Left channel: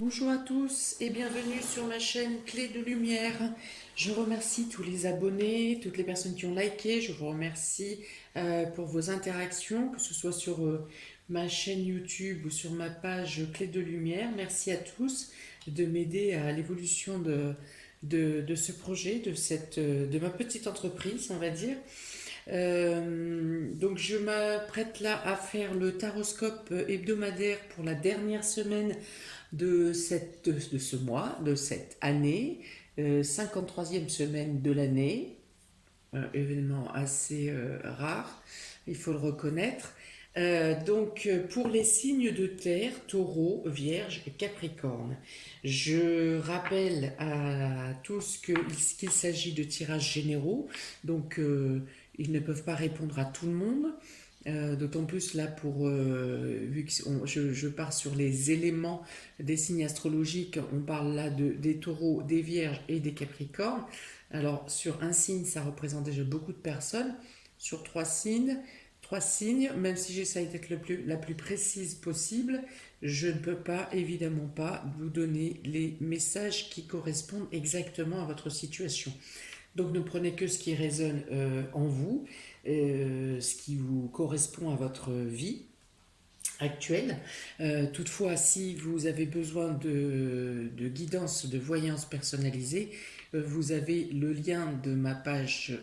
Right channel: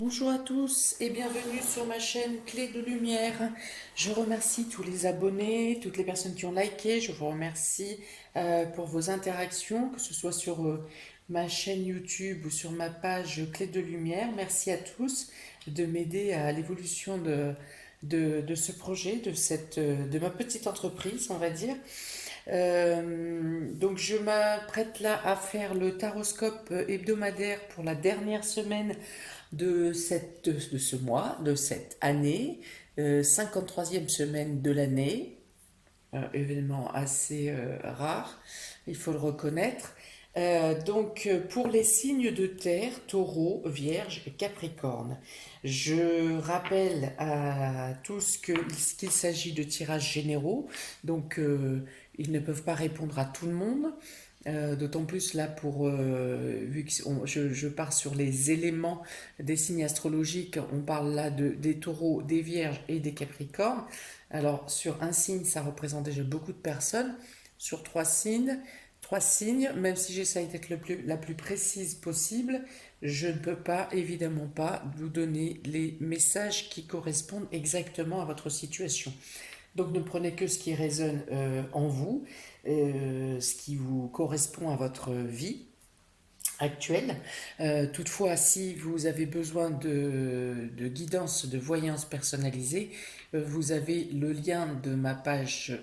Bonjour à tous et bienvenue sur ma chaîne Clé de Lumière. Je remercie tous les abonnés, toutes les personnes qui ont liké. Je vous remercie pour vos interactions, que ce soit sur ma chaîne YouTube ou sur ma page Clé de Lumière. Merci à tous de m'aider à l'évolution de ce projet, de ma petite entreprise, on va dire. Donc je m'apprête là à faire le taroscope hebdomadaire pour la dernière semaine de ce mois, de cette année, 53e semaine de l'année, événement assez rare, il faut le reconnaître. Pour les signes de terre, taureau, vierge et capricorne, je rappelle à tous qu'il s'agit de tirages généraux, donc ils ne peuvent pas répondre à tout le monde. D'autant plus là vu que je pars sur les éléments des signes astrologiques, on parle là des taureaux, des vierges et des capricornes. Alors sur un signe, ça représente déjà beaucoup de personnes. Sur trois signes, même si j'essaye d'être la plus précise possible, je ne peux pas, évidemment pas, vous donner les messages qui correspondent exactement à votre situation. Donc ne prenez que ce qui résonne en vous, ce qui vous correspond à votre vie actuelle. Toutefois, si vous avez besoin de guidance, de voyance personnalisée, vous avez le lien de ma page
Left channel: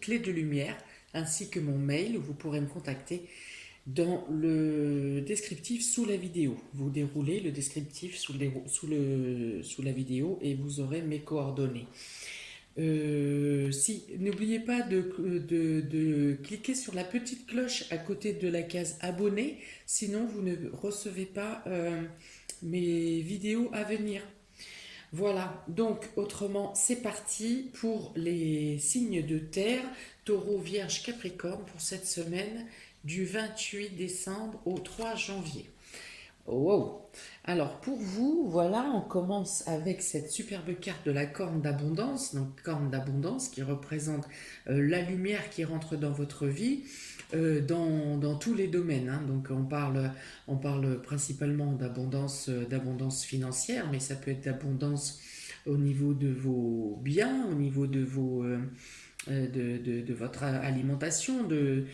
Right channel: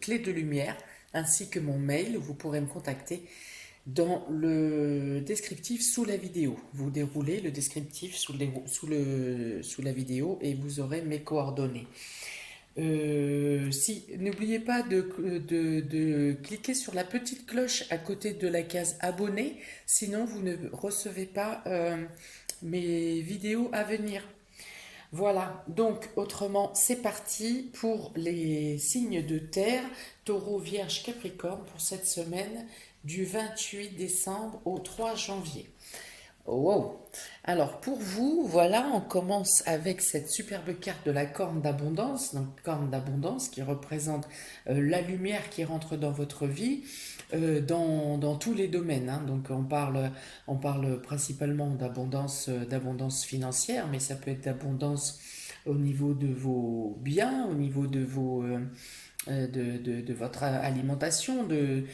Clé de Lumière ainsi que mon mail où vous pourrez me contacter dans le descriptif sous la vidéo. Vous déroulez le descriptif sous la vidéo et vous aurez mes coordonnées. Si, n'oubliez pas de cliquer sur la petite cloche à côté de la case abonné, sinon vous ne recevez pas mes vidéos à venir. Voilà, donc autrement, c'est parti pour les signes de terre, taureau, vierge, capricorne pour cette semaine du 28 décembre au 3 janvier. Wow! Alors pour vous, voilà, on commence avec cette superbe carte de la corne d'abondance, donc corne d'abondance qui représente la lumière qui rentre dans votre vie dans tous les domaines, hein. Donc on parle principalement d'abondance financière, mais ça peut être d'abondance au niveau de vos biens, au niveau de votre alimentation, de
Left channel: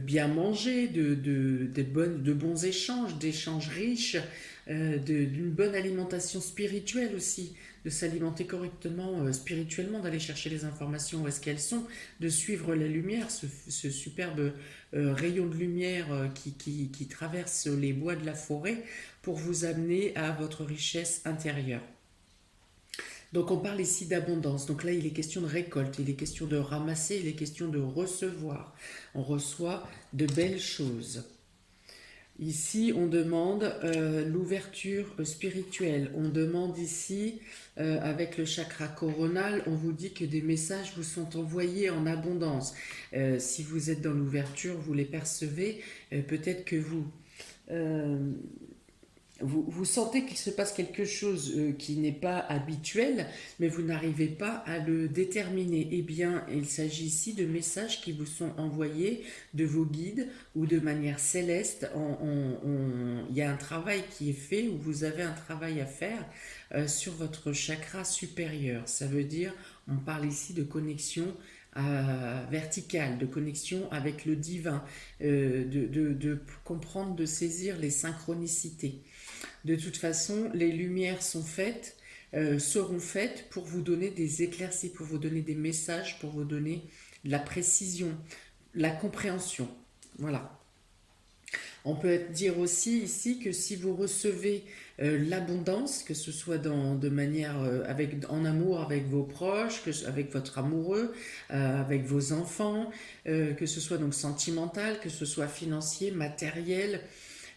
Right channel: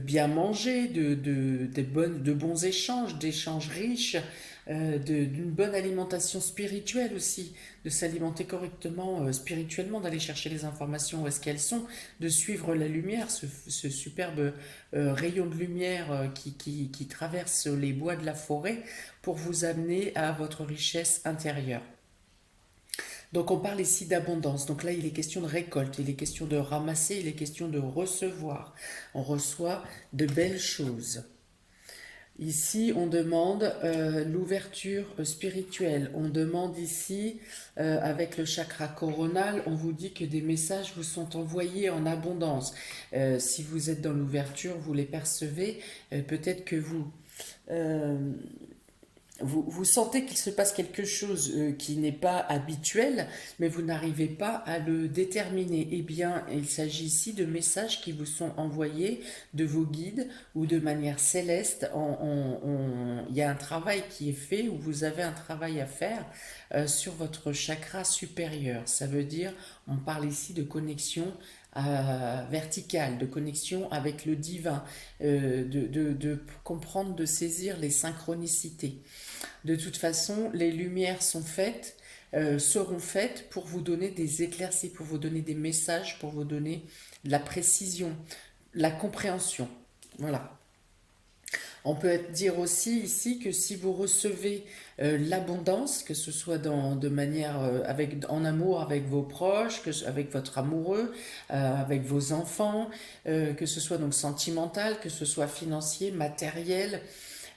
bien manger, de bons échanges, d'échanges riches, d'une bonne alimentation spirituelle aussi, de s'alimenter correctement spirituellement, d'aller chercher les informations où est-ce qu'elles sont, de suivre la lumière, ce superbe rayon de lumière qui traverse les bois de la forêt pour vous amener à votre richesse intérieure. Donc on parle ici d'abondance. Donc là, il est question de récolte, il est question de ramasser, il est question de recevoir. On reçoit de belles choses. Ici, on demande l'ouverture spirituelle. On demande ici, avec le chakra coronal, on vous dit que des messages vous sont envoyés en abondance. Si vous êtes dans l'ouverture, vous les percevez. Peut-être que euh, vous sentez qu'il se passe quelque chose qui n'est pas habituel, mais vous n'arrivez pas à le déterminer. Eh bien, il s'agit ici de messages qui vous sont envoyés de vos guides ou de manière céleste. Il y a un travail qui est fait, ou vous avez un travail à faire sur votre chakra supérieur. Ça veut dire, on parle ici de connexion verticale, de connexion avec le divin, de comprendre, de saisir les synchronicités. De toute façon, les lumières seront faites pour vous donner des éclaircies, pour vous donner des messages, pour vous donner la précision, la compréhension. Voilà. On peut dire aussi ici que si vous recevez l'abondance, que ce soit de manière en amour avec vos proches, avec votre amoureux, avec vos enfants, que ce soit donc sentimental, que ce soit financier, matériel,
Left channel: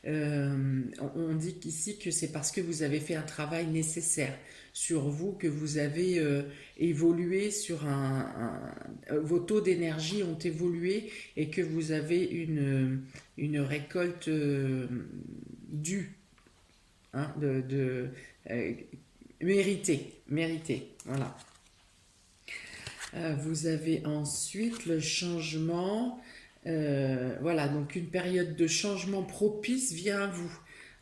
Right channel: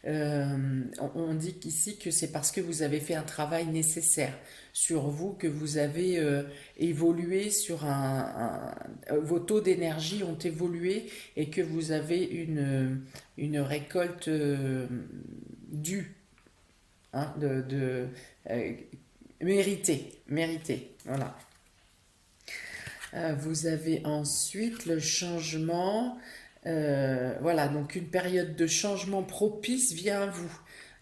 on dit ici que c'est parce que vous avez fait un travail nécessaire sur vous, que vous avez évolué vos taux d'énergie ont évolué et que vous avez une récolte due, hein, euh, méritée, voilà. Vous avez ensuite le changement. Voilà, donc une période de changement propice vient à vous.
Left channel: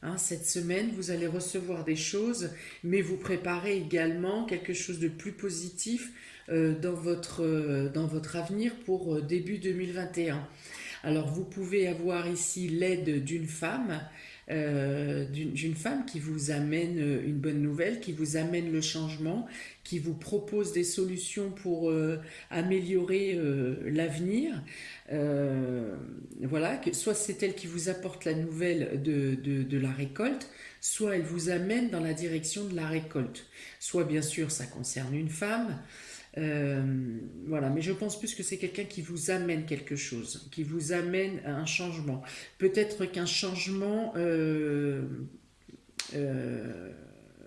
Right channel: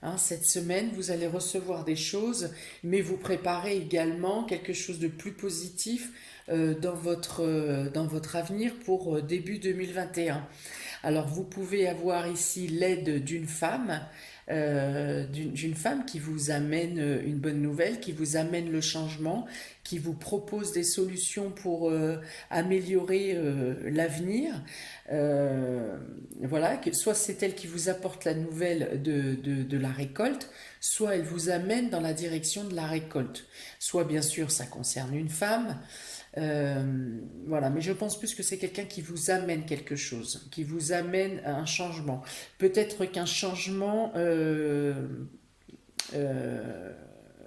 hein. Cette semaine, vous allez recevoir des choses, mais vous préparez également quelque chose de plus positif dans votre avenir pour début 2021. Alors, vous pouvez avoir ici l'aide d'une femme qui vous amène une bonne nouvelle, qui vous amène le changement, qui vous propose des solutions pour améliorer l'avenir. Voilà, que soit c'est elle qui vous apporte la nouvelle de la récolte, soit elle vous amène dans la direction de la récolte. Soit bien sûr ça concerne une femme, voilà, mais je pense plus que c'est quelqu'un qui vous amène quelque chose, qui vous amène à un changement. Peut-être qu'un changement euh,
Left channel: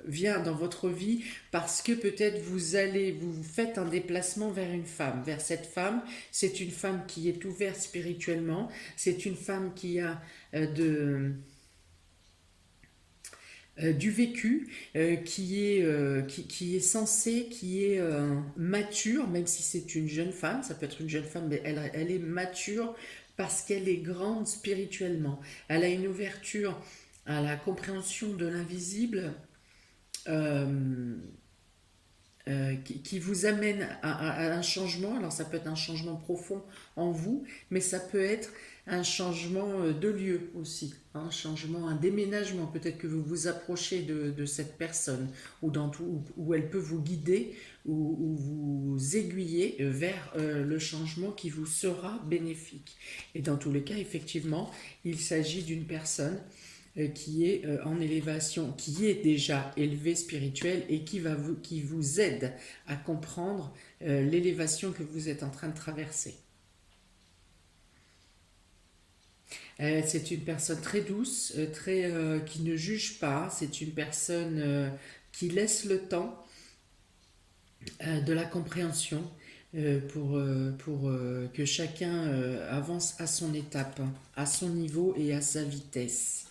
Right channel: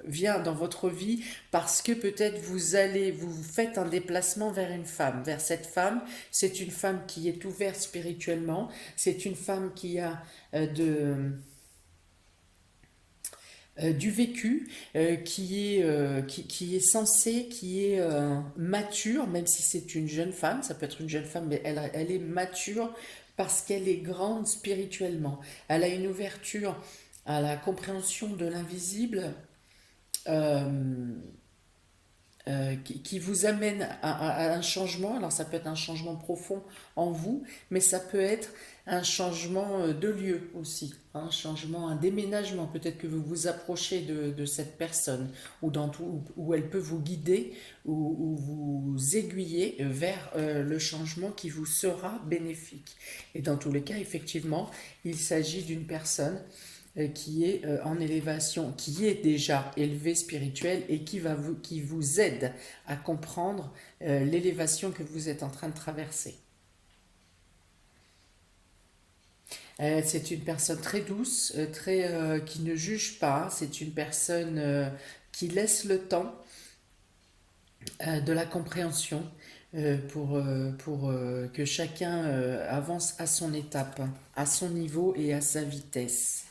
vient dans votre vie parce que peut-être vous faites un déplacement vers une femme, vers cette femme. C'est une femme qui est ouverte spirituellement, c'est une femme qui a du vécu, qui est sensée, qui est mature, même si c'est une jeune femme, ça peut être une jeune femme, mais elle est mature parce qu'elle est grande spirituellement. Elle a une ouverture à la compréhension de l'invisible, euh, qui vous amène à un changement. Alors ça peut être un changement profond en vous, mais ça peut être un changement de lieu aussi, hein, un changement, un déménagement. Peut-être que vous vous approchez de cette personne, ou où elle peut vous guider, ou vous aiguiller vers le changement qui vous sera bénéfique. Et dans tous les cas, effectivement, il s'agit d'une personne qui est en élévation, qui est déjà élevé spirituel et qui vous aide à comprendre l'élévation que vous êtes en train de traverser. C'est une personne très douce, qui ne juge pas, c'est une personne qui laisse le temps de la compréhension pour que chacun avance à son étape, à son niveau et à sa vitesse.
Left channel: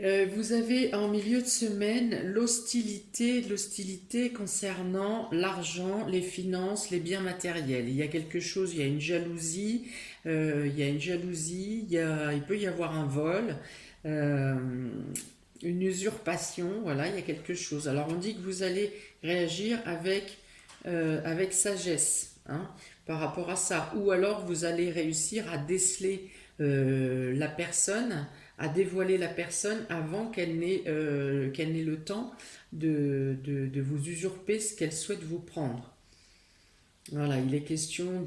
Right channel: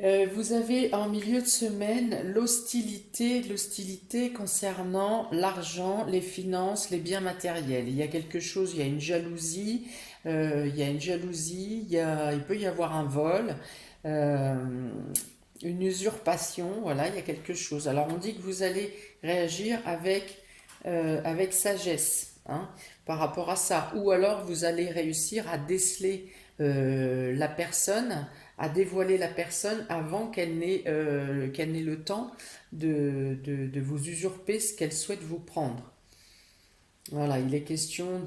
Vous avez en milieu de semaine l'hostilité concernant l'argent, les finances, les biens matériels. Il y a quelque chose, il y a une jalousie, il peut y avoir un vol, euh, une usurpation, voilà, il y a quelque chose. Alors on dit que vous allez réagir avec sagesse, hein, par rapport à ça, ou alors vous allez réussir à déceler la personne, à dévoiler la personne avant qu'elle n'ait le temps de vous usurper ce qu'elle souhaite vous prendre. Voilà, il est question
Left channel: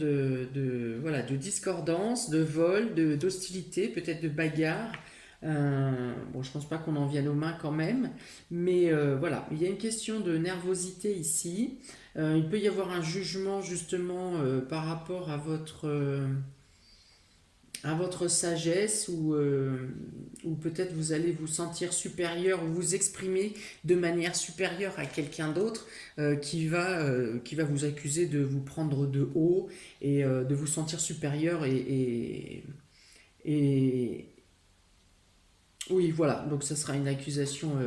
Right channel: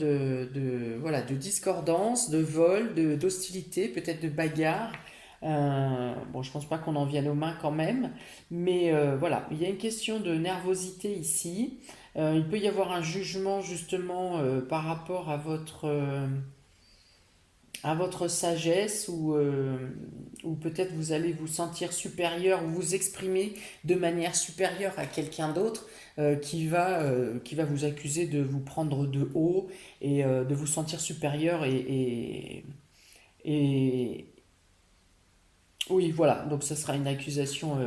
voilà, de discordance, de vol, d'hostilité, peut-être de bagarre. Bon, je pense pas qu'on en vienne aux mains quand même, mais voilà, il y a une question de nervosité ici. Il peut y avoir un jugement justement par rapport à votre sagesse, ou peut-être vous allez vous sentir supérieur ou vous exprimer de manière supérieure à quelqu'un d'autre qui va vous accuser de vous prendre de haut et de vous sentir supérieur et oui, voilà, donc ça sera une accusation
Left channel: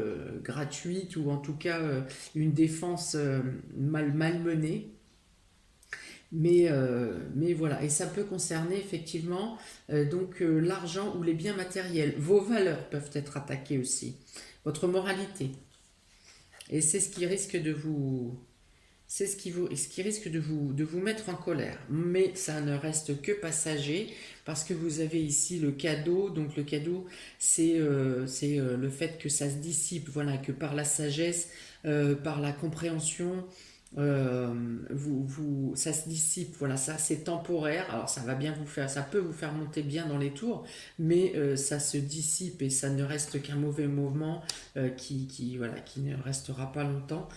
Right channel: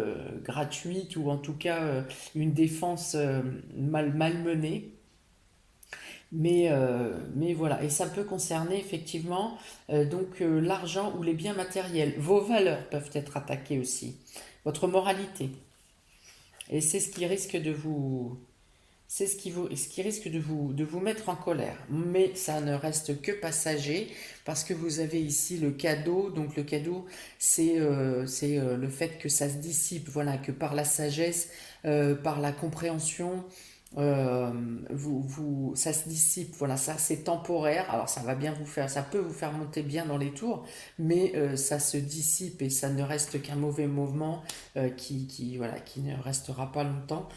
gratuite ou en tout cas une défense malmenée. Mais voilà, et ça peut concerner effectivement l'argent ou les biens matériels. Vos valeurs peuvent être attaquées aussi, votre moralité. Et c'est ce qui risque de vous, ce qui risque de vous mettre en colère. Mais ça ne reste que passager parce que vous avez ici le cadeau. Donc le cadeau, c'est le fait que ça se dissipe, voilà, que par la sagesse, par la compréhension, ça se dissipe, voilà, ça c'est temporaire. Alors ça va bien vous faire, ça peut vous faire monter bien dans les tours, mais ça se dissipe et ça ne reste qu'un mauvais mouvement voilà, qui ne restera pas longtemps.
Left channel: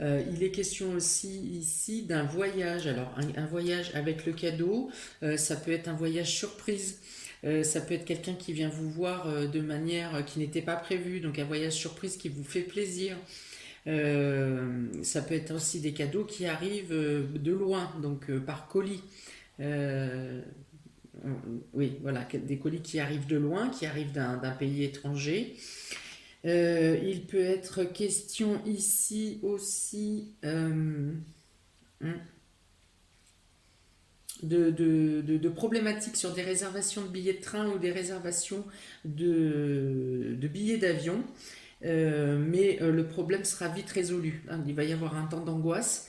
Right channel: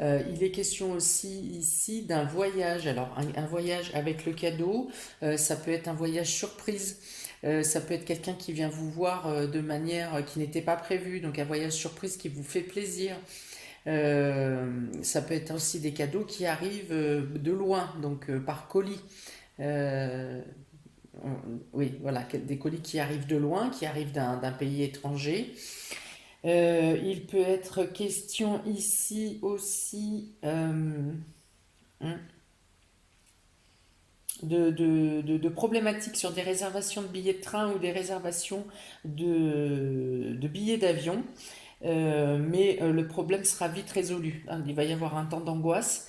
Il est question aussi ici d'un voyage. Alors un voyage avec le cadeau, ça peut être un voyage surprise. Ça peut être quelqu'un qui vient vous voir de manière qui n'était pas prévue, donc un voyage surprise qui vous fait plaisir. Ça peut être aussi des cadeaux qui arrivent de loin, donc par colis. Euh, oui, voilà, des colis qui arrivent de loin, qui arrivent d'un pays étranger. Il peut être question ici aussi de problématiques sur des réservations de billets de train ou des réservations de billets d'avion. Mais le problème sera vite résolu, hein. Il va y avoir un temps d'angoisse,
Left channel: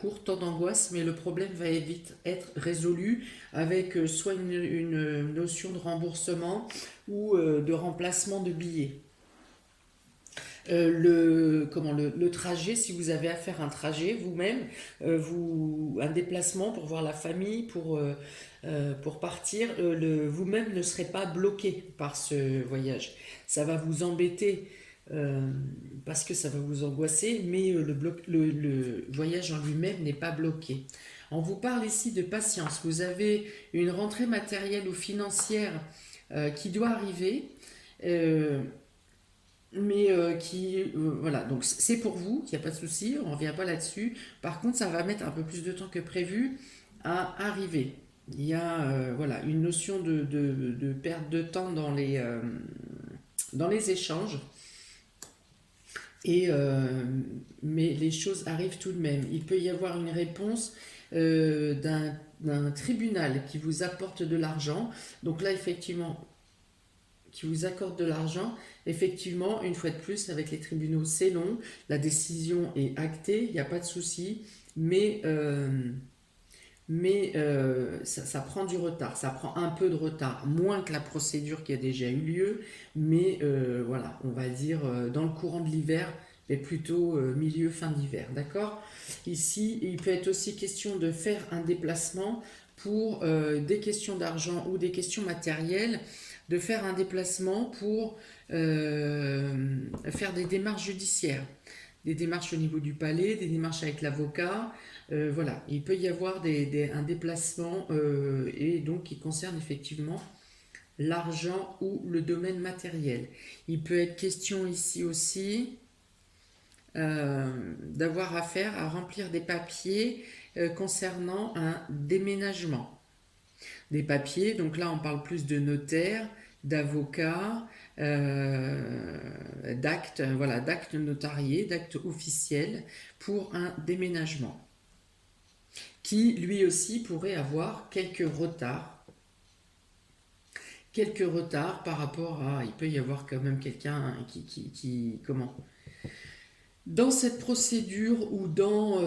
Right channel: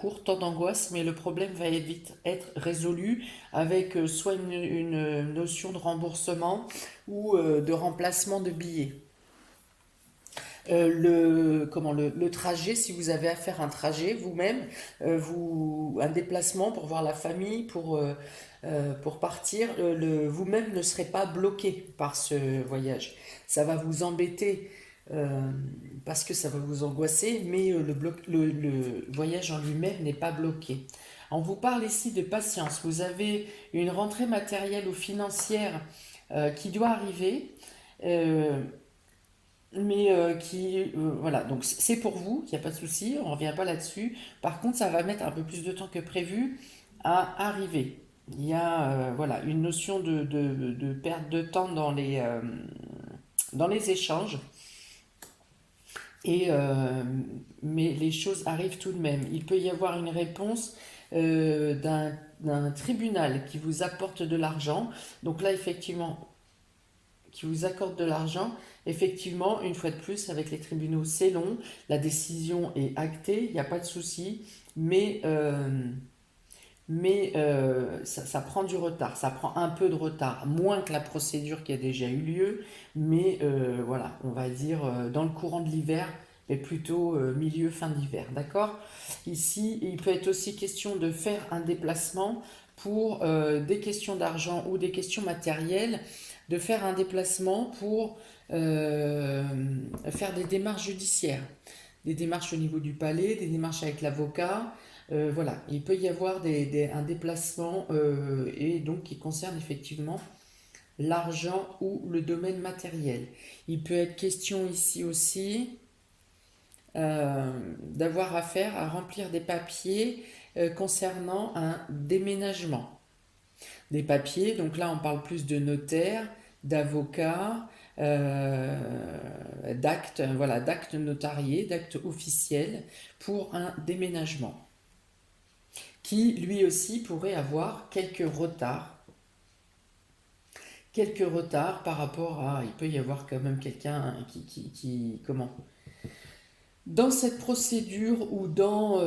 court temps d'angoisse, mais le problème va vite être résolu avec soit une notion de remboursement ou de remplacement de billets. Le trajet, si vous avez à faire un trajet vous-même, un déplacement pour voir la famille, pour partir, vous-même ne serez pas bloqué par ce voyage. Ça va vous embêter euh, parce que ça va vous angoisser, mais le voyage en lui-même n'est pas bloqué. On vous parle ici de patience. Vous avez une rentrée matérielle ou financière qui doit arriver. euh, voilà, donc c'est pour vous, il n'y a pas de souci, on ne revient pas là-dessus. Par contre, ça va mettre un peu plus de temps que prévu à arriver. Il y a voilà, une notion de perte de temps dans les échanges, et, mais les choses arrivent tout de même. Il peut y avoir une réponse d'un tribunal qui vous apporte de l'argent. Donc là, effectivement, qui vous accorde de l'argent. Effectivement, une fois de plus, avec les tribunaux, c'est long. La décision est actée, il n'y a pas de souci. Mais ça prend du retard. Ça prend un peu de retard, moins que la procédure qui a déjà eu lieu. Mais voilà, on va dire dans le courant de l'hiver, mais plutôt milieu, fin d'hiver. D'accord? Ici, il peut être aussi question de faire un déplacement pour des questions d'argent ou des questions matérielles, de faire un déplacement pour faire des démarches judiciaires, des démarches au niveau du palais, des démarches avec l'avocat. Voilà, il peut y avoir un déplacement et donc qui concerne effectivement l'argent ou le domaine matériel. Il peut être question ici aussi d'avoir affaire à remplir des papiers concernant un déménagement. Des papiers, donc là on parle plus de notaire, d'avocat, d'actes, voilà, d'actes notariés, d'actes officiels pour un déménagement, qui lui aussi pourrait avoir quelques retards par rapport à, il peut y avoir quand même quelqu'un comment, dans cette procédure ou dans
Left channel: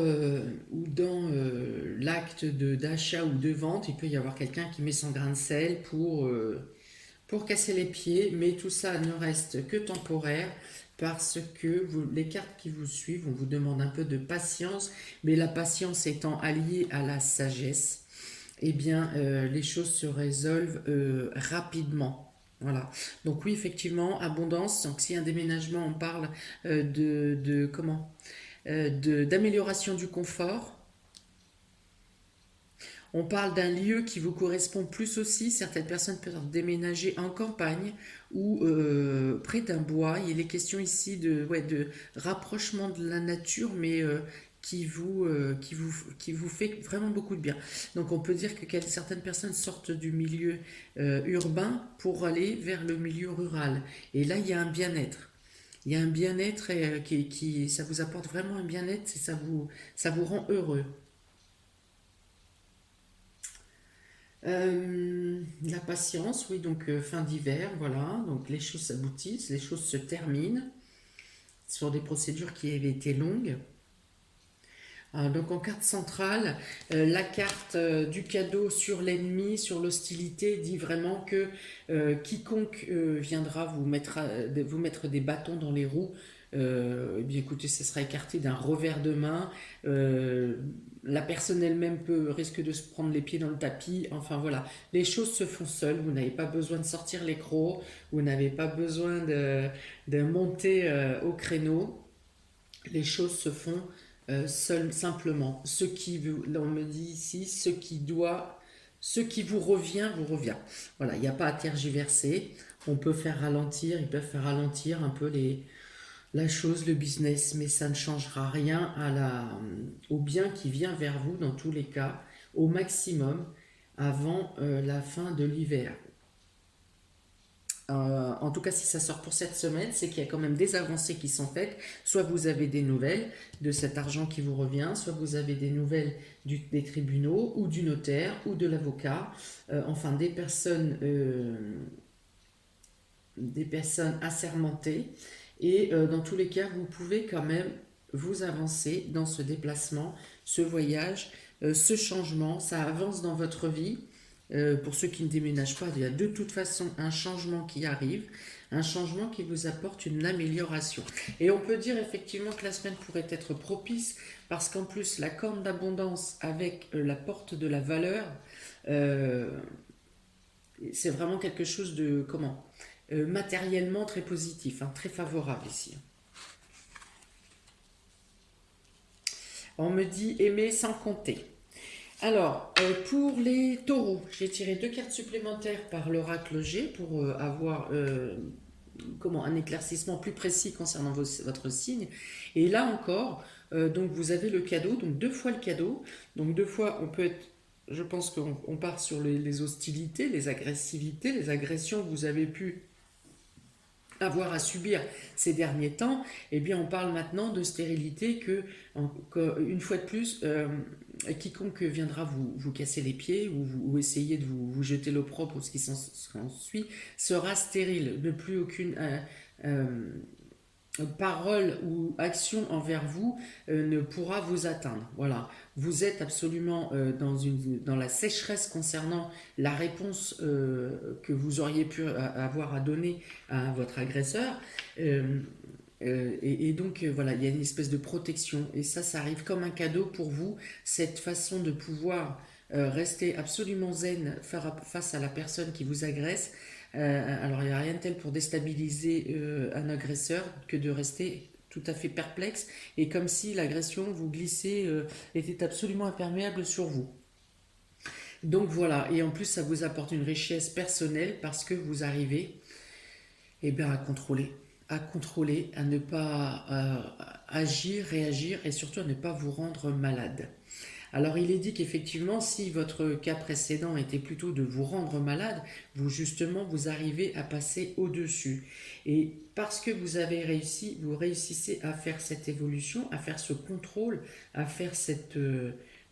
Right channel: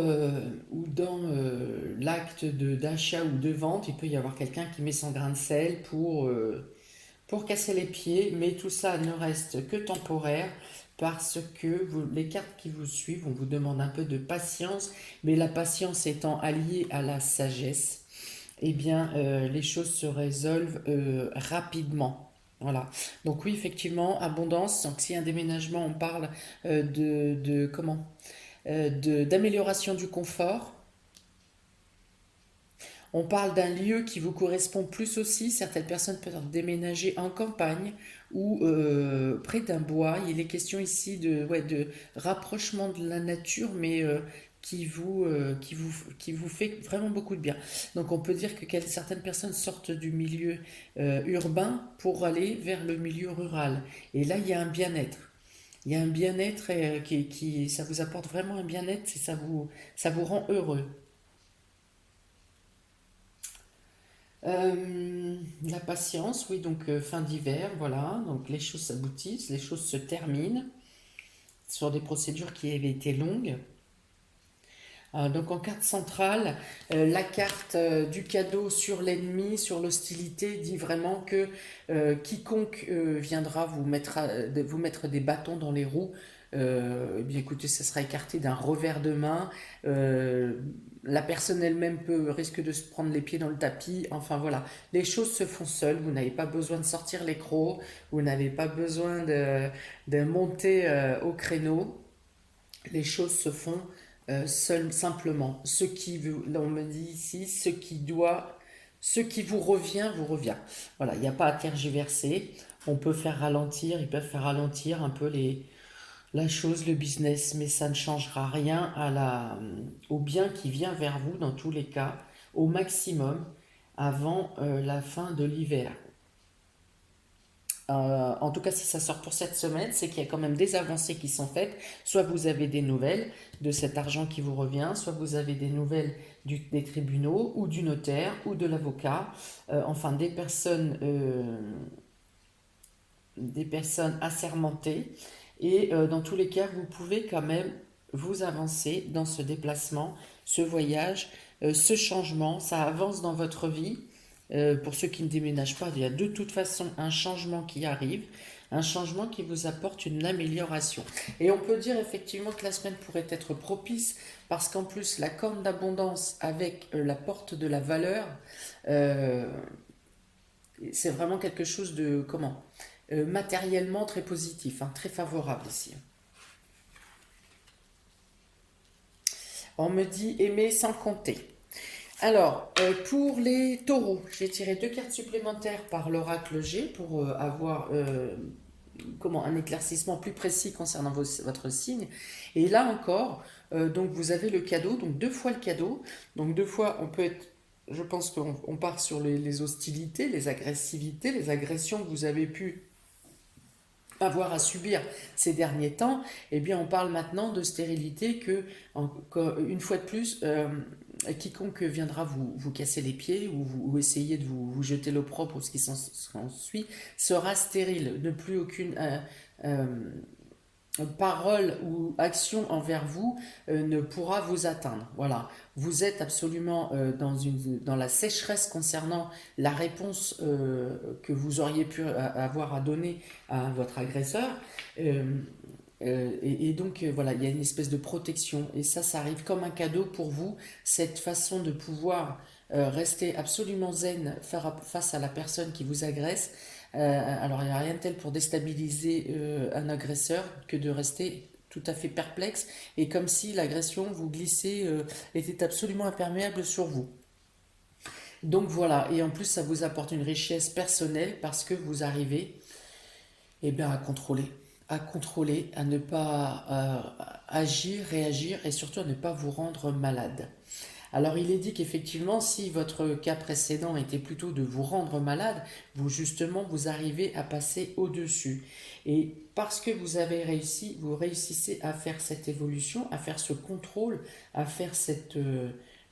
l'acte d'achat ou de vente, il peut y avoir quelqu'un qui met son grain de sel pour casser les pieds, mais tout ça ne reste que temporaire parce que les cartes qui vous suivent, on vous demande un peu de patience, mais la patience étant alliée à la sagesse, eh bien, les choses se résolvent rapidement. Voilà. Donc oui, effectivement, abondance. Donc si un déménagement, on parle comment d'amélioration du confort. On parle d'un lieu qui vous correspond plus aussi. Certaines personnes peuvent déménager en campagne ou près d'un bois. Il est question ici de rapprochement de la nature, mais qui vous fait vraiment beaucoup de bien. Donc on peut dire que certaines personnes sortent du milieu urbain pour aller vers le milieu rural. Et là, il y a un bien-être. Il y a un bien-être ça vous apporte vraiment un bien-être et ça vous rend heureux. La patience, oui, donc fin d'hiver, voilà, donc les choses s'aboutissent, les choses se terminent sur des procédures qui avaient été longues. Donc en carte centrale, la carte du cadeau sur l'ennemi, sur l'hostilité, dit vraiment que quiconque viendra vous mettre des bâtons dans les roues, eh bien écoutez, ça sera écarté d'un revers de main. La personne elle-même risque de se prendre les pieds dans le tapis. Enfin voilà, les choses se font seules. Vous n'avez pas besoin de sortir les crocs, vous n'avez pas besoin de monter au créneau. Les choses se font simplement. On me dit ici, ce qui vous revient. Voilà, il n'y a pas à tergiverser. On peut faire ralentir, ils peuvent faire ralentir un peu la chose, le business, mais ça ne changera rien au bien qui vient vers vous dans tous les cas, au maximum, avant la fin de l'hiver. En tout cas, si ça sort pour cette semaine, c'est qu'il y a quand même des avancées qui sont faites. Soit vous avez des nouvelles de cet argent qui vous revient, soit vous avez des nouvelles des tribunaux ou du notaire ou de l'avocat, enfin des personnes assermentées. Et dans tous les cas, vous pouvez quand même vous avancer dans ce déplacement, ce voyage, ce changement. Ça avance dans votre vie. Pour ceux qui ne déménagent pas, il y a de toute façon un changement qui arrive, un changement qui vous apporte une amélioration. Et on peut dire effectivement que la semaine pourrait être propice parce qu'en plus la corne d'abondance avec la porte de la valeur, euh, c'est vraiment quelque chose de matériellement très positif, hein, très favorable ici. On me dit aimer sans compter. Alors, pour les taureaux, j'ai tiré 2 cartes supplémentaires par l'oracle G pour avoir un éclaircissement plus précis concernant votre signe. Et là encore, donc vous avez le cadeau, donc 2 fois le cadeau. Donc 2 fois, on peut être, je pense qu'on part sur les hostilités, les agressivités, les agressions que vous avez pu avoir à subir ces derniers temps. Eh bien on parle maintenant de stérilité une fois de plus, quiconque viendra vous casser les pieds ou essayer de vous jeter l'opprobre ou ce qui s'ensuit sera stérile, ne plus aucune parole ou action envers vous ne pourra vous atteindre. Voilà, vous êtes absolument dans la sécheresse concernant la réponse que vous auriez pu avoir à donner à votre agresseur. Et donc voilà, il y a une espèce de protection et ça arrive comme un cadeau pour vous, cette façon de pouvoir rester absolument zen face à la personne qui vous agresse. Alors il n'y a rien de tel pour déstabiliser un agresseur que de rester tout à fait perplexe et comme si l'agression vous glissait était absolument imperméable sur vous. Donc voilà, et en plus ça vous apporte une richesse personnelle parce que vous arrivez à contrôler, à ne pas agir, réagir et surtout à ne pas vous rendre malade. Alors il est dit qu'effectivement, si votre cas précédent était plutôt de vous rendre malade, vous arrivez à passer au-dessus. Et parce que vous avez réussi, vous réussissez à faire cette évolution, à faire ce contrôle, à faire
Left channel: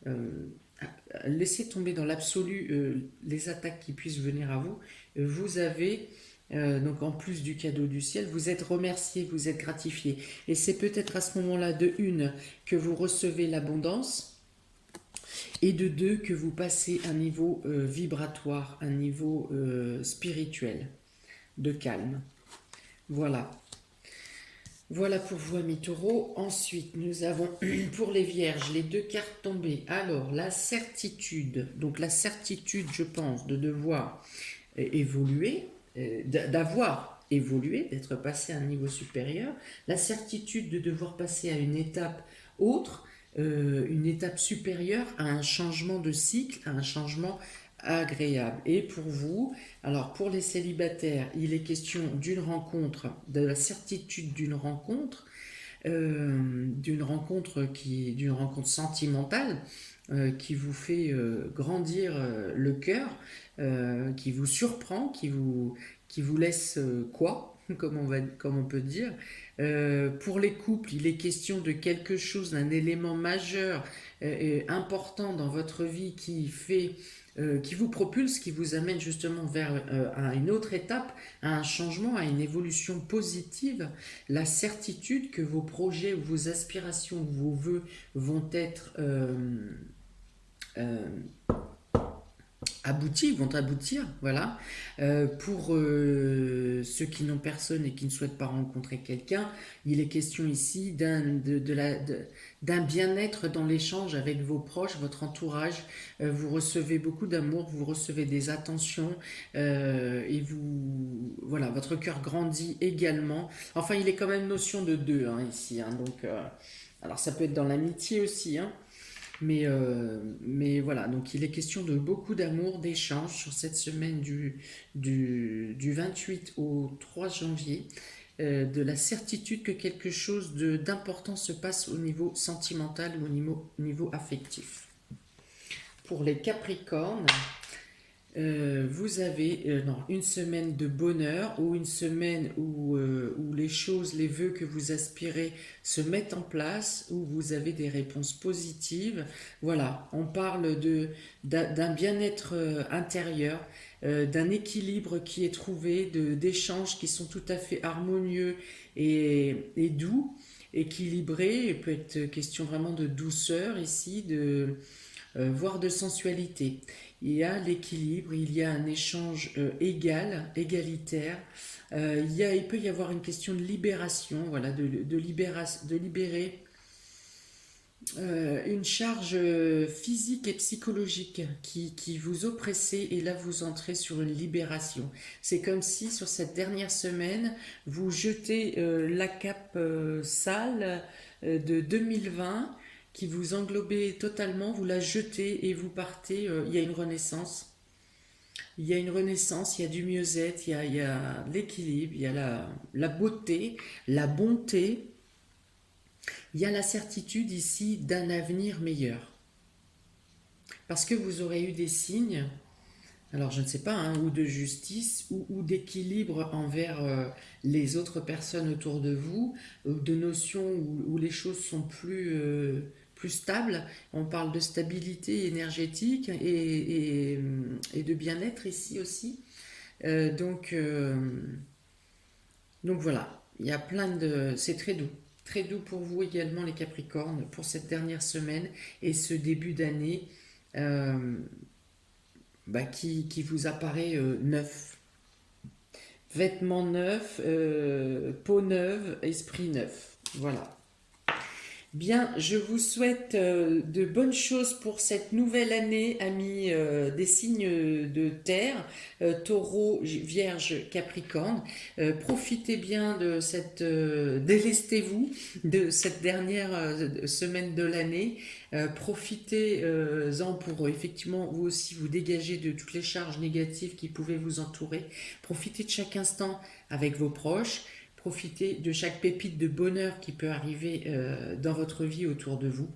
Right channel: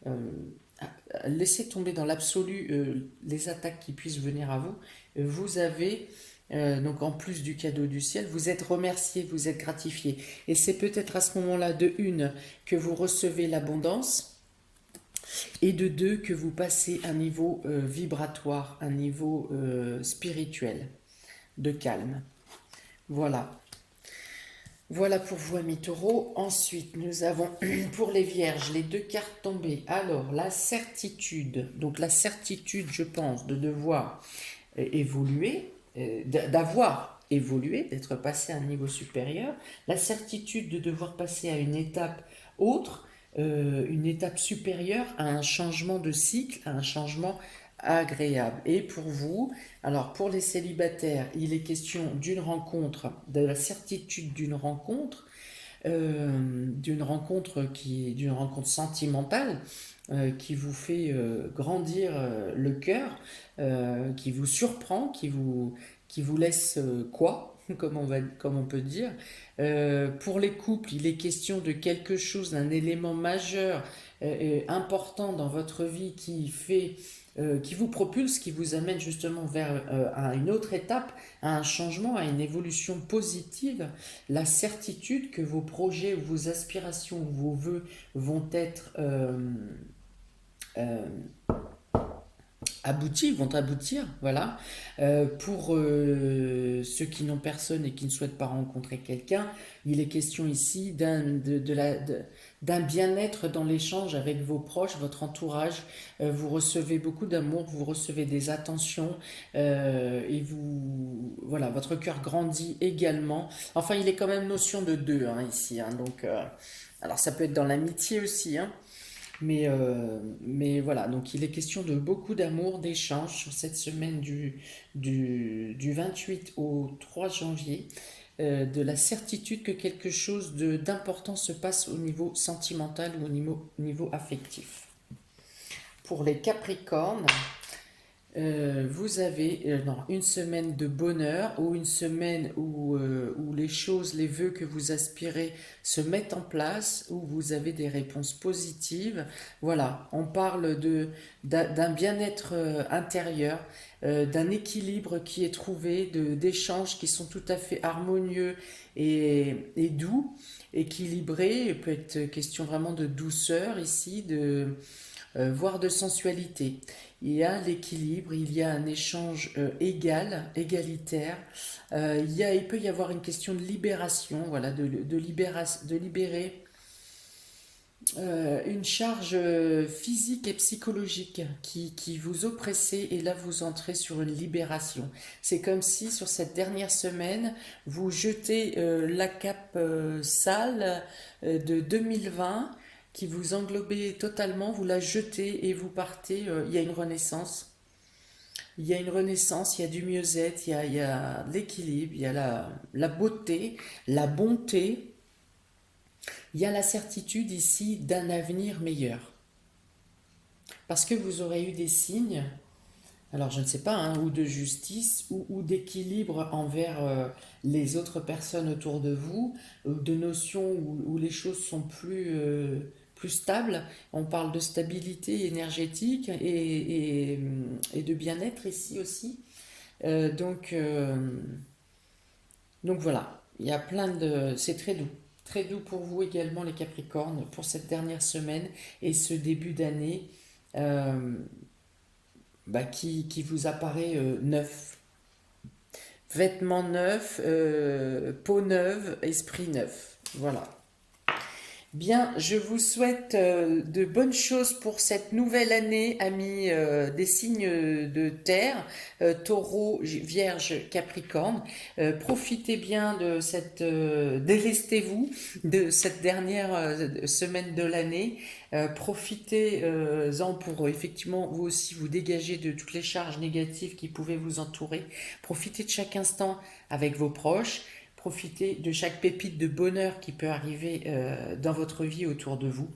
à laisser tomber dans l'absolu les attaques qui puissent venir à vous, vous avez donc en plus du cadeau du ciel, vous êtes remercié, vous êtes gratifié. Et c'est peut-être à ce moment-là que vous recevez l'abondance et de 2 que vous passez un niveau vibratoire, un niveau spirituel de calme. Voilà. Voilà pour vous, amis taureaux. Ensuite, nous avons pour les vierges les 2 cartes tombées. Alors, la certitude. Donc, la certitude, je pense, de devoir évoluer, d'avoir évolué, d'être passé à un niveau supérieur. La certitude de devoir passer à une étape autre, une étape supérieure à un changement de cycle, à un changement agréable. Et pour vous, alors pour les célibataires, il est question d'une rencontre, de la certitude d'une rencontre sentimentale qui vous fait grandir le cœur, qui vous surprend, qui vous laisse comme on peut dire. Pour les couples, il est question de quelque chose, d'un élément majeur, important dans votre vie qui vous propulse, qui vous amène justement vers à une autre étape, à un changement, à une évolution positive, la certitude que vos projets ou vos aspirations ou vos vœux vont être euh, vont aboutir, voilà. Pour ceux qui n'ont personne et qui ne souhaitent pas rencontrer quelqu'un, il est question ici d'un bien-être dans l'échange avec vos proches, votre entourage. Vous recevez beaucoup d'amour, vous recevez des attentions et voilà, votre cœur grandit également. Enfin, il est quand même notion de 2 hein, ici, hein, donc alors ça peut être dans l'amitié aussi, hein. Mais voilà, donc il est question de beaucoup d'amour, d'échange sur cette semaine du 28 au 3 janvier, de la certitude que quelque chose d'important se passe au niveau sentimental ou au niveau affectif. Pour les Capricornes, vous avez non, une semaine de bonheur ou une semaine où les choses, les vœux que vous aspirez se mettent en place, où vous avez des réponses positives. Voilà, on parle d'un bien-être intérieur, d'un équilibre qui est trouvé, d'échanges qui sont tout à fait harmonieux et doux, équilibrés. Il peut être question vraiment de douceur ici, voire de sensualité. Il y a l'équilibre, il y a un échange égalitaire. Il peut y avoir une question de libération, voilà, de libérer une charge physique et psychologique qui vous oppressait, et là vous entrez sur une libération. C'est comme si sur cette dernière semaine, vous jetez la cape sale de 2020 qui vous englobait totalement, vous la jetez et vous partez. Il y a une renaissance. Il y a une renaissance, il y a du mieux-être, il y a l'équilibre, il y a la beauté, la bonté. Il y a la certitude ici d'un avenir meilleur. Parce que vous aurez eu des signes, alors je ne sais pas, hein, ou de justice, ou d'équilibre envers les autres personnes autour de vous, ou de notions où les choses sont plus stables. On parle de stabilité énergétique et de bien-être ici aussi. Euh, donc, euh, donc voilà, il y a plein de... C'est très doux. Très doux pour vous également les Capricornes pour cette dernière semaine et ce début d'année euh, qui vous apparaît neuf. Vêtements neufs, peau neuve, esprit neuf. Voilà. Bien, je vous souhaite de bonnes choses pour cette nouvelle année, amis des signes de terre, taureau, vierge, capricorne. Profitez bien de délestez-vous de cette dernière semaine de l'année. Profitez-en pour effectivement vous aussi vous dégager de toutes les charges négatives qui pouvaient vous entourer. Profitez de chaque instant avec vos proches. Profitez de chaque pépite de bonheur qui peut arriver dans votre vie autour de vous.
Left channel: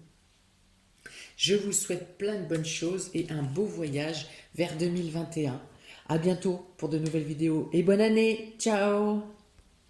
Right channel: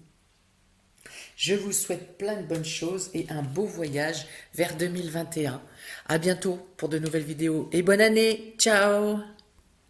Je vous souhaite plein de bonnes choses et un beau voyage vers 2021. À bientôt pour de nouvelles vidéos et bonne année. Ciao!